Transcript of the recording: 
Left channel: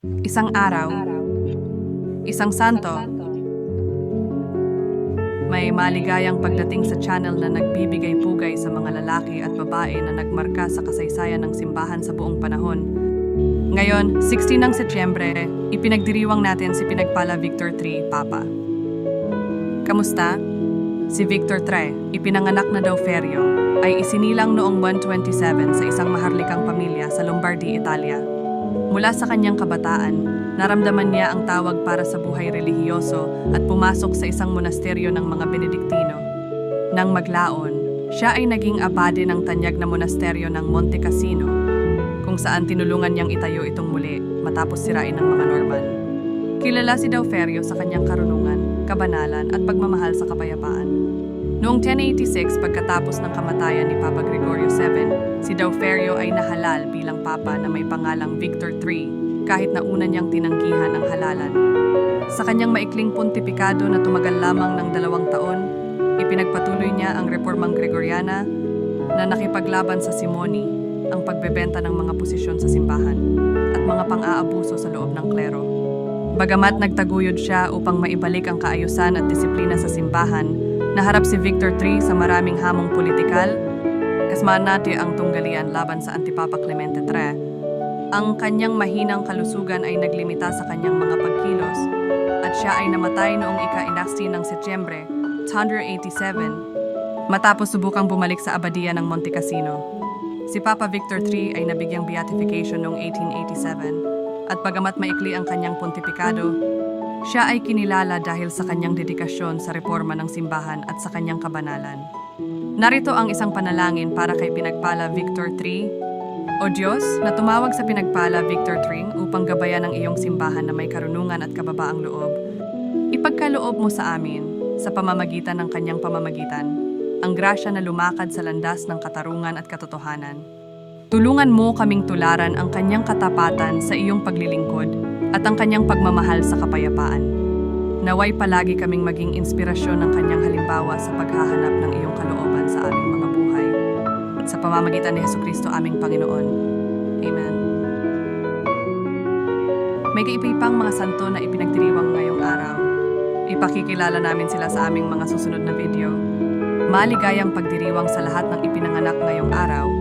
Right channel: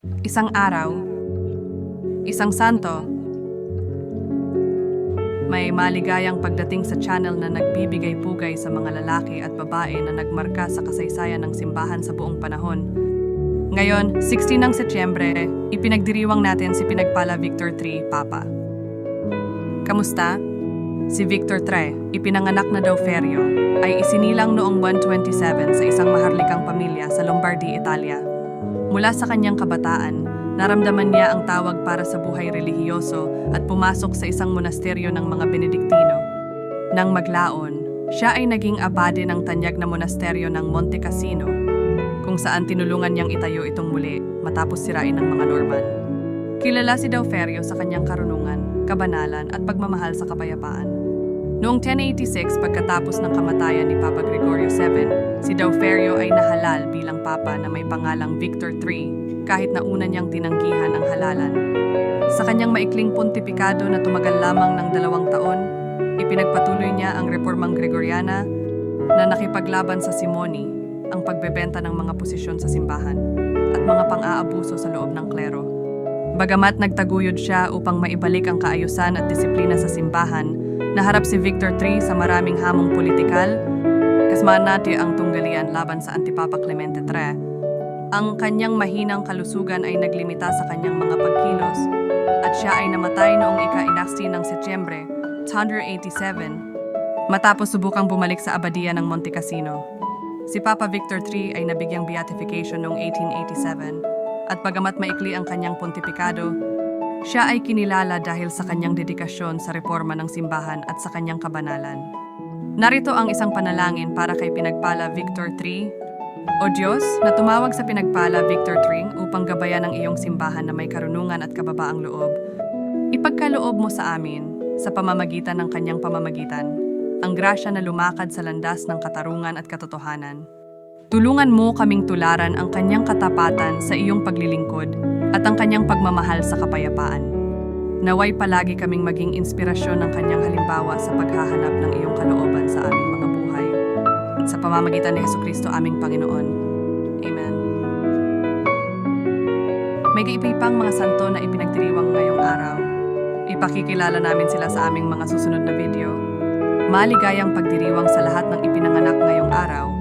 Isang araw, isang santo, may maligayang pagdating sa channel na nagbibigay pugay sa mga lalaki at babae na nagmarka sa kasaysayan ng simbahan sa buong panahon. Ngayon, 16 ng Setyembre, ipinagdiriwang natin si Pinagpala Victor III, Papa. Kamusta? Si Victor III, ipinanganak na daw Ferio, ay isinilang noong 127 sa isang maharlikang pamilya sa Lombardy, Italia. Mula sa kanyang kabataan, naramdaman niya ang tawag para sa buhay relihiyoso at pumasok sa isang monasteryo ng mga Benediktino. Nang maglaon, siya ay naging abade ng tanyag na monasteryo ng Monte Cassino, kung saan tinulungan niyang itayo itong muli matapos sirain ng mga Norman. Kilala si Dauferio sa kanyang karunungan, kabanalan at pagmamahal sa kapayapaan. Noong 1086 pagkatapos ng kamatayan ni Papa Gregorio VII, si Dauferio ay nahalal bilang papa na may pangalang Victor III kahit na una niyang tinanggihan ang halalan. Sa kanyang maikling pontipikado na tumagal lamang ng dalawang taon, ipinagpatuloy niya ang reformang Gregoriana na nakipaglaban sa Simoni, ang pagbebenta ng mga posisyon sa simbahan, at mga pang-aabuso sa loob ng klero. Bagamat nagtaguyod siya upang maibalik ang kaayusan at disiplina sa simbahan, naharap si Victor III sa maraming hamong politikal, kasmaan natin ang tunggalian laban sa Antipapa Clemente III. Ang kanyang mahinang kalusugan ay naglimita sa kanyang mga pagkilos at siya ay namatay noong ika-inasti ng Setyembre 187 matapos subukang bumalik sa abadiya ng Monte Cassino. Si Papa Victor III ay nabigyang beatification noong 1887 at bagamat maikli ang kanyang pontifikado, siya ay kinilala dahil sa kanyang dedikasyon sa reforma ng simbahan at sa kanyang kabanalan. Narito ang isang panalangin para kay Pinagpala Victor III. O Diyos, na tumawag sa Pinagpala Victor III upang gabayan ang iyong simbahan na may karunungan at kababaang loob, ipagkaloob mo sa amin, sa pamamagitan ng kanyang pamamagitan, ang grasya na lumakad sa landas ng katarungan at katotohanan. Tulungan mo kaming tularan ang kanyang katapatan sa iyong paglilingkod at ang kanyang pagmamahal sa kapayapaan. Naway palagi kaming maging inspirasyon ng kanyang halimbawa sa paghahanap ng iyong kalooban sa aming mga buhay. Sa pamamagitan ni Heso Kristo aming Panginoon. Amen. May kaipipang mga santo na ipinagdiriwang ngayong araw. Ipakikilala namin sila sa aming mga susunod na video. Maligayang pagdiriwang sa lahat ng ipinanganak ngayong araw